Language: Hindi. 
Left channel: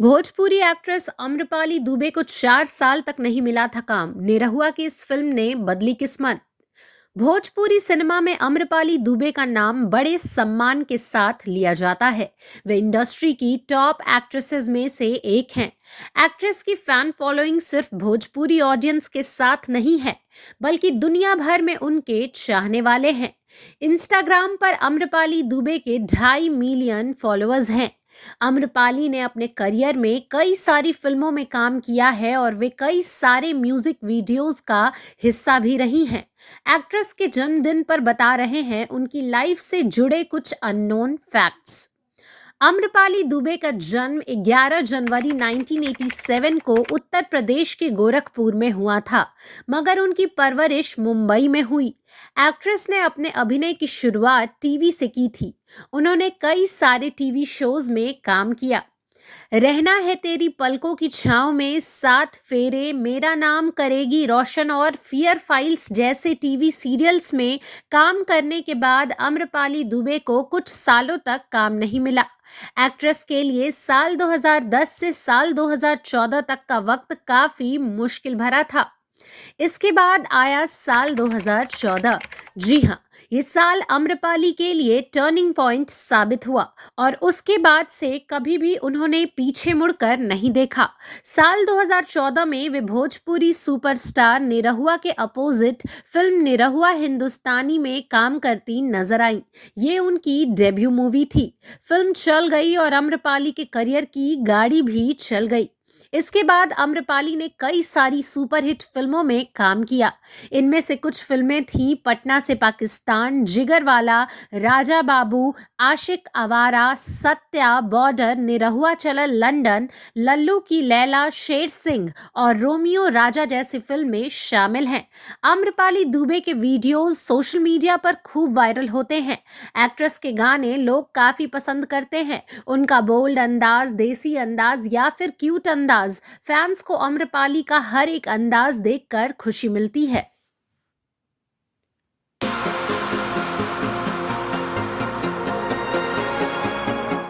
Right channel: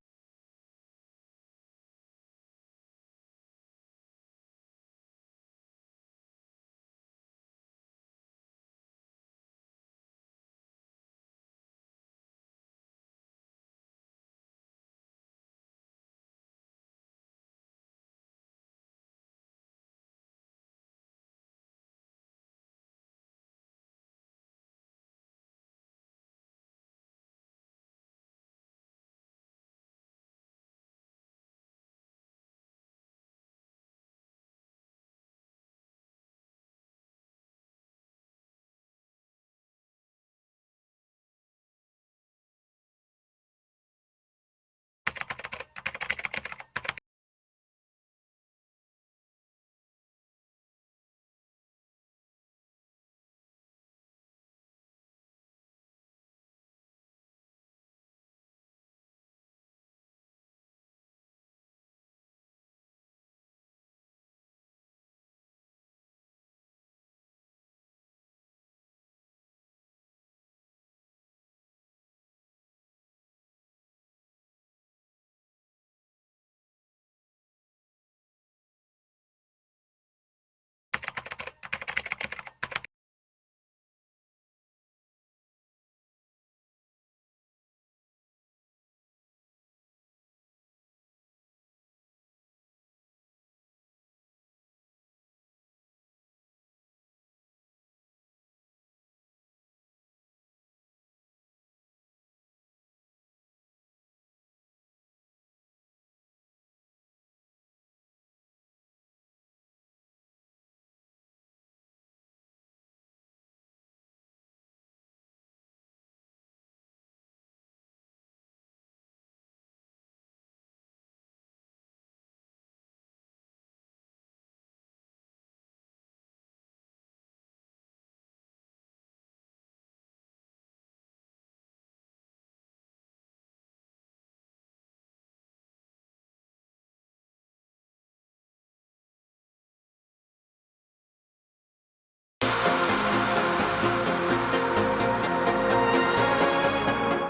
भोजपुरी एक्ट्रेस अम्रपाली दुबे को 4 साल तक नहीं मिला था काम। निरहुआ की इस फिल्म ने बदली किस्मत। भोजपुरी सिनेमा में अम्रपाली दुबे का नाम बड़े सम्मान के साथ लिया जाता है। वे इंडस्ट्री की टॉप एक्ट्रेसेस में से एक हैं। एक्ट्रेस की फैन फॉलोइंग सिर्फ भोजपुरी ऑडियंस के साथ नहीं है, बल्कि दुनिया भर में उनके चाहने वाले हैं। इंस्टाग्राम पर अम्रपाली दुबे के 2.5 मिलियन फॉलोअर्स हैं। अम्रपाली ने अपने करियर में कई सारी फिल्मों में काम किया है और वे कई सारे म्यूजिक वीडियोस का हिस्सा भी रही हैं। एक्ट्रेस के जन्मदिन पर बता रहे हैं उनकी लाइफ से जुड़े कुछ अननोन फैक्ट्स। अम्रपाली दुबे का जन्म 11 जनवरी 1987 को उत्तर प्रदेश के गोरखपुर में हुआ था, मगर उनकी परवरिश मुंबई में हुई। एक्ट्रेस ने अपने अभिनय की शुरुआत टीवी से की थी। उन्होंने कई सारे टीवी शोज में काम किया। रहना है तेरी पलकों की छांव में, सात फेरे, मेरा नाम करेगी रोशन और फियर फाइल्स जैसे टीवी सीरियल्स में काम करने के बाद अम्रपाली दुबे को कुछ सालों तक काम नहीं मिला। एक्ट्रेस के लिए साल 2010 से साल 2014 तक का वक्त काफी मुश्किल भरा था। इसके बाद आया साल 2014। जी हाँ, ये साल अम्रपाली के लिए टर्निंग पॉइंट साबित हुआ और उसके बाद से कभी भी उन्होंने पीछे मुड़कर नहीं देखा। साल 2014 में वे भोजपुरी सुपरस्टार निरहुआ के अपोजिट फिल्म निरहुआ हिंदुस्तानी में काम करती नजर आई। ये उनकी डेब्यू मूवी थी। फिल्म चल गई और अम्रपाली के करियर की गाड़ी भी चल गई। इसके बाद अम्रपाली ने कई सारी सुपरहिट फिल्मों में काम किया। इनमें से कुछ फिल्में थीं पटना से पाकिस्तान, जिगरवाला, राजा बाबू, आशिक आवारा, सत्या, बॉर्डर, निरहुआ चला लंदन, लल्लू की लैला, शेर सिंह और रोमियो राजा जैसी फिल्में शामिल हैं। आम्रपाली दुबे के वीडियोस सोशल मीडिया पर खूब वायरल होते हैं। एक्ट्रेस के गाने लोग काफी पसंद करते हैं। उनका बोल्ड अंदाज, देसी अंदाज या फिर क्यूट अंदाज, फैंस को आम्रपाली का हर एक अंदाज देखकर खुशी मिलती है।